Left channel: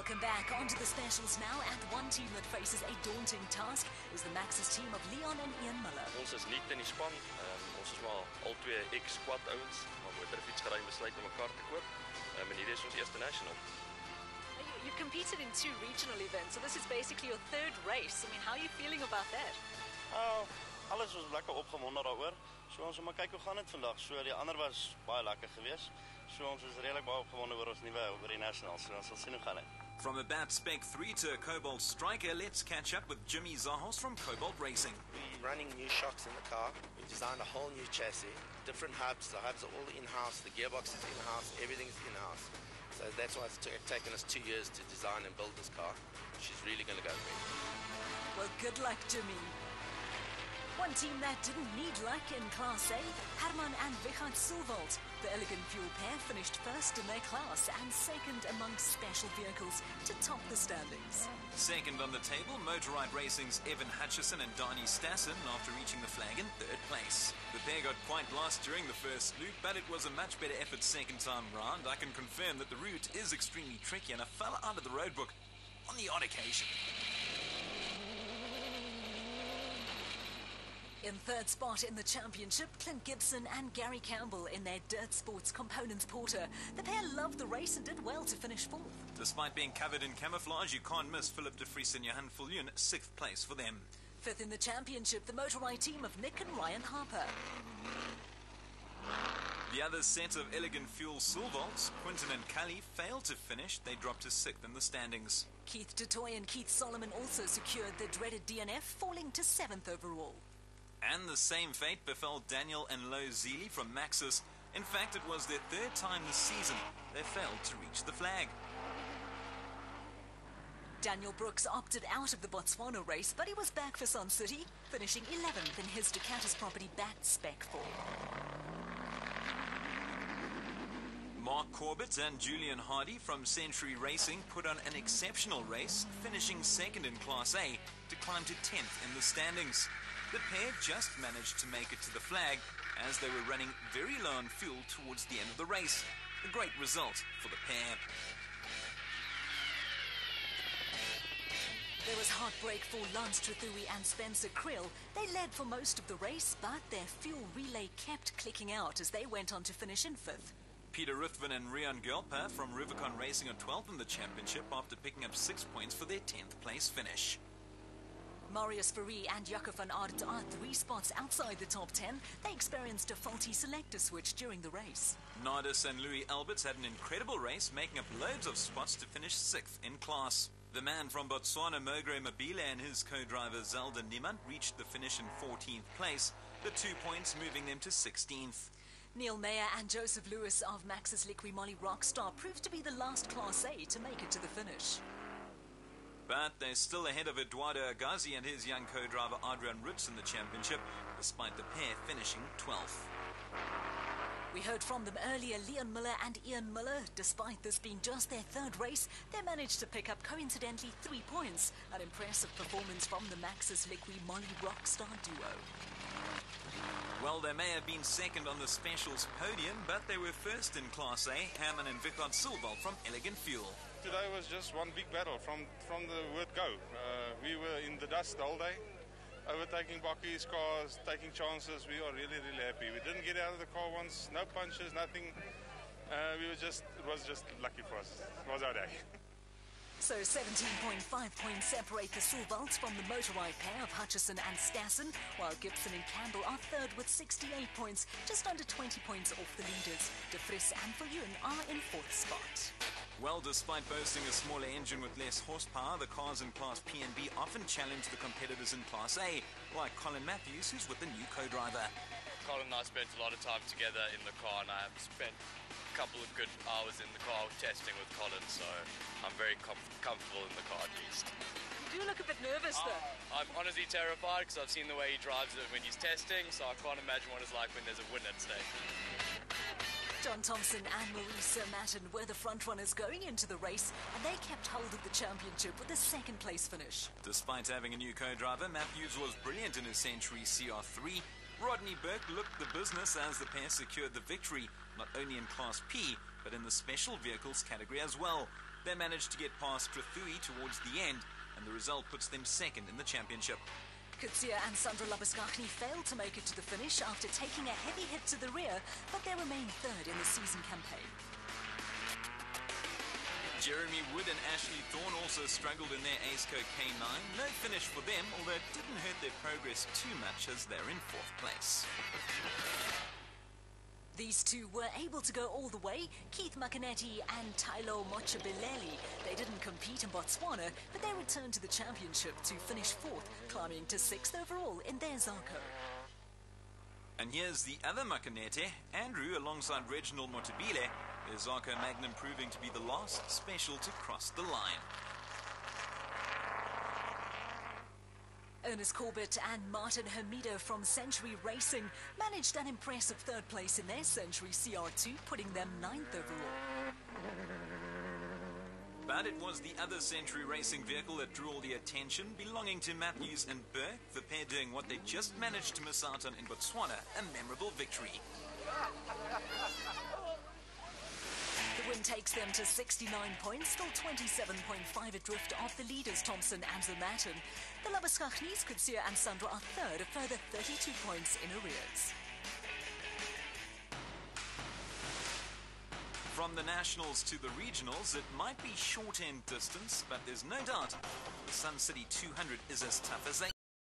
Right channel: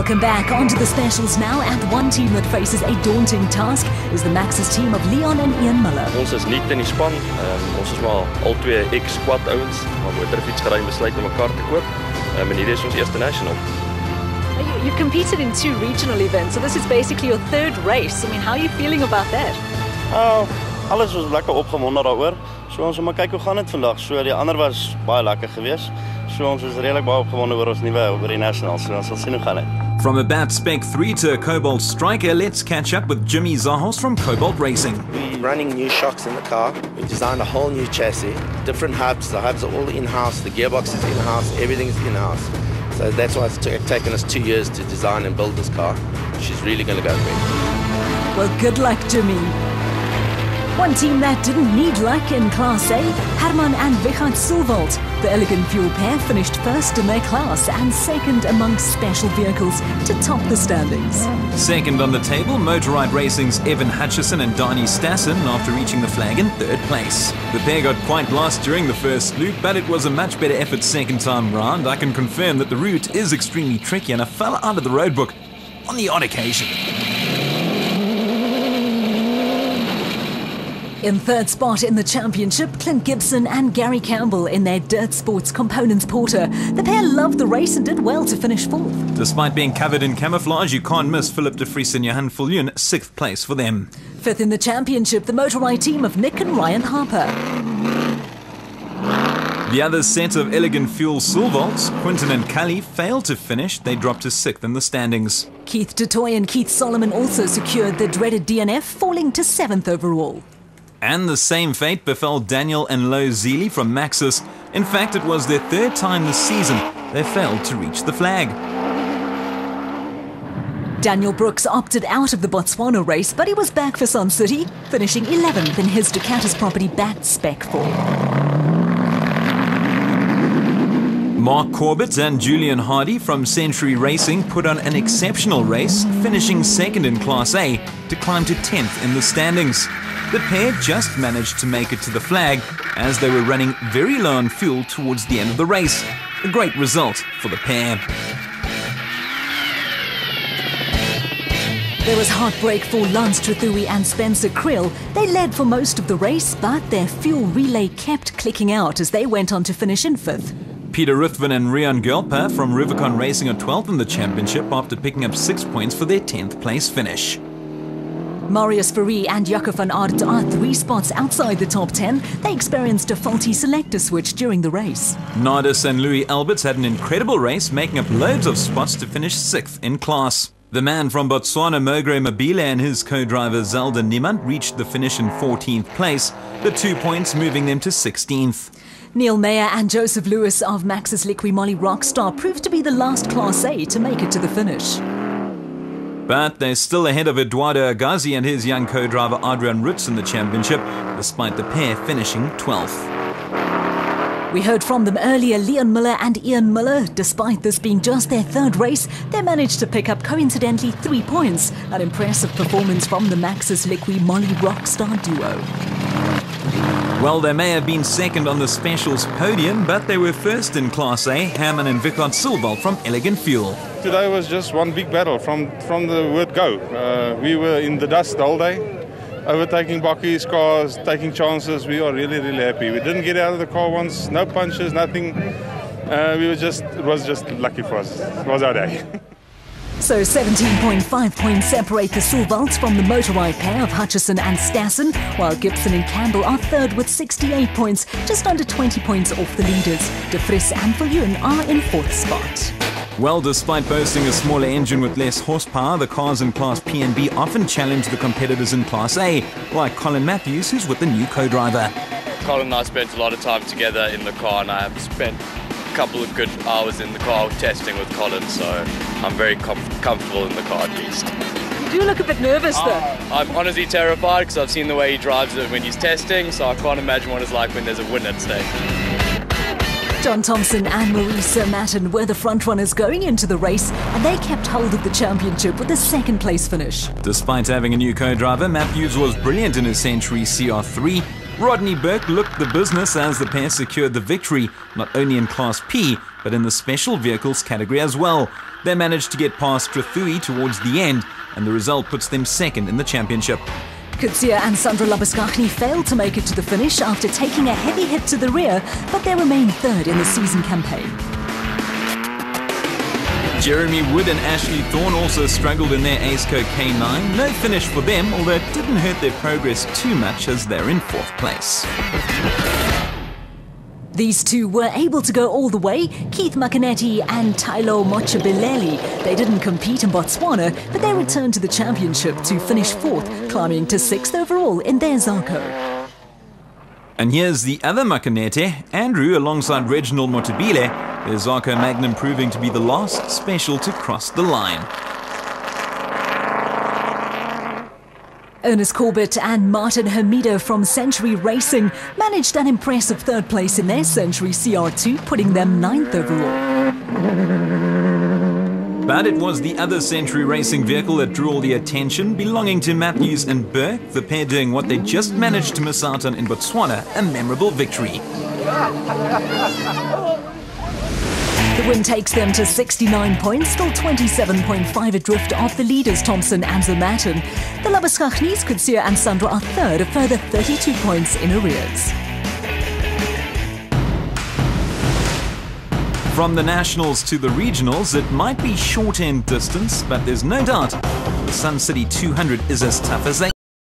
Welcome back. Onto the specials now, and one team that faces a daunting task is the Max's team of Leon and Ian Muller. Ons is nuut in die span. Ons is maar al twee ex-squad ouens, maar motorfietsgery besluit om mekaar te koop. En hierdie is ons eerste national. You've competed in 2 regional events, so this is basically your 3rd race. I mean, how are you feeling about that? Alles was lekker opgewonde daaroor. So ons moet maar kyk hoe gaan dit vandag. So die ander was baie lekker geweest. So ons is redelik baie opgewonde oor ons nuwe oor die nationals. So ons sal sien hoe gaan dit. From a Bat Spec 3 to a Cobalt Striker, let's catch up with Jimmy Zahos from Cobalt Racing. We're running new shocks in the car. We designed a whole new chassis, different hubs. The hubs are all in-house, the gearbox is in-house, everything is in-house. So that's why it's taken us 2 years to design and build this car. She's really going to go quick. Well, good luck, Jimmy. One team that didn't need luck in Class A, Herman and Wichert Silvold. The Elegant Fuel pair finished first in their class and second amongst special vehicles to top the standings. Second on the table, Motorride Racing's Evan Hutchison and Donnie Stassen after reaching the flag in 3rd place. The pair got quite lost during the first loop, but it was a much better effort second time round. I can confirm that the route is extremely tricky and I fell out of the roadbook on the odd occasion. In 3rd spot in the championship, Clint Gibson and Gary Campbell in their Dirt Sports Components Porter. The pair loved the race and did well to finish 4th. Despite being covered in camouflage, you can't miss Philip de Vries and Johan Viljoen, 6th place for them. 5th in the championship, the Motorride team of Nick and Ryan Harper. The other set of Elegant Fuel Silvolts, Quinton and Cully, failed to finish. They dropped to 6th in the standings. Keith DeToy and Keith Solomon also secured the dreaded DNF, falling to 7th overall. And the same fate befell Daniel and Lo Zealy from Maxis. In fact, it was their 3rd time this season they failed to reach the flag. Daniel Brooks opted out of the Botswana race, but he was back for Sun City, finishing 11th in his Ducatis property Bat Spec 4. Mark Corbett and Julian Hardy from Century Racing put on an exceptional race, finishing 2nd in Class A to climb to 10th in the standings. The pair just managed to make it to the flag as they were running very low on fuel towards the end of the race. A great result for the pair. There was heartbreak for Lance Trethewey and Spencer Krill. They led for most of the race, but their fuel relay kept clicking out as they went on to finish in 5th. Peter Ruthven and Rian Gelper from Rubicon Racing are 12th in the championship after picking up 6 points for their 10th place finish. Marius Fourie and Jaco van Aert are 3 spots outside the top 10. They experienced a faulty selector switch during the race. Nardis and Louis Alberts had an incredible race, making up loads of spots to finish 6th in class. The man from Botswana, Mogre Mabile, and his co-driver Zelda Niemand reached the finish in 14th place, the 2 points moving them to 16th. Neil Mayer and Joseph Lewis of Max's Liqui Moly Rockstar proved to be the last Class A to make it to the finish. But they're still ahead of Eduardo Agazi and his young co-driver Adrian Rutz in the championship, despite the pair finishing 12th. We heard from them earlier, Leon Muller and Ian Muller. Despite this being just their 3rd race, they managed to pick up coincidentally 3 points. An impressive performance from the Max's Liqui Moly Rockstar duo. Well, they may have been 2nd on the specials podium, but they were 1st in Class A, Herman and Wichert Silvold from Elegant Fuel. Today was just one big battle from the word go. We were in the dust the whole day, overtaking Bakkies cars, taking chances. We are really, really happy. We didn't get out of the car once, no punches, nothing. It was just lucky for us. It was our day. So 17.5 points separate the Silvolds from the Motorride pair of Hutchison and Stassen, while Gibson and Campbell are 3rd with 68 points, just under 20 points off the leaders. De Vries and Viljoen are in 4th spot. Well, despite boasting a smaller engine with less horsepower, the cars in Class P and B often challenge the competitors in Class A, like Colin Matthews, who's with the new co-driver. Colin and I spent a lot of time together in the car, and I have spent a couple of good hours in the car testing with Colin, so I'm very comfortable in the car at least. You do look a bit nervous though. I'm honestly terrified because I've seen the way he drives it when he's testing, so I can't imagine what it's like when there's a win at stake. John Thompson and Marisa Matten were the frontrunners going into the race, and they kept hold of the championship with a 2nd place finish. Despite having a new co-driver, Matthews was brilliant in his Century CR3. Rodney Burke looked the business as the pair secured the victory, not only in Class P, but in the special vehicles category as well. They managed to get past Strathui towards the end, and the result puts them second in the championship. Coetzee and Sandra Labuschagne failed to make it to the finish after taking a heavy hit to the rear, but they remain third in the season campaign. Jeremy Wood and Ashley Thorne also struggled in their AceCo K9. No finish for them, although it didn't hurt their progress too much as they're in fourth place. These two were able to go all the way, Keith Makinetti and Tylo Mochabileli. They didn't compete in Botswana, but they returned to the championship to finish fourth, climbing to sixth overall in their Zarko. And here's the other Makinete, Andrew, alongside Reginald Motabile. Their Zarko Magnum proving to be the last special to cross the line. Ernest Corbett and Martin Hermido from Century Racing managed an impressive third place in their Century CR2, putting them 9th overall. But it was the other Century Racing vehicle that drew all the attention, belonging to Matthews and Burke, the pair doing what they just managed to miss out on in Botswana, a memorable victory. The win takes them to 69 points, still 27.5 adrift of the leaders Thompson and Zermatten. The Labuschagnes, Coetzee and Sandra are third, a further 32 points in arrears. From the nationals to the regionals, it might be short-end distance, but there's no doubt the Sun City 200 is as tough as they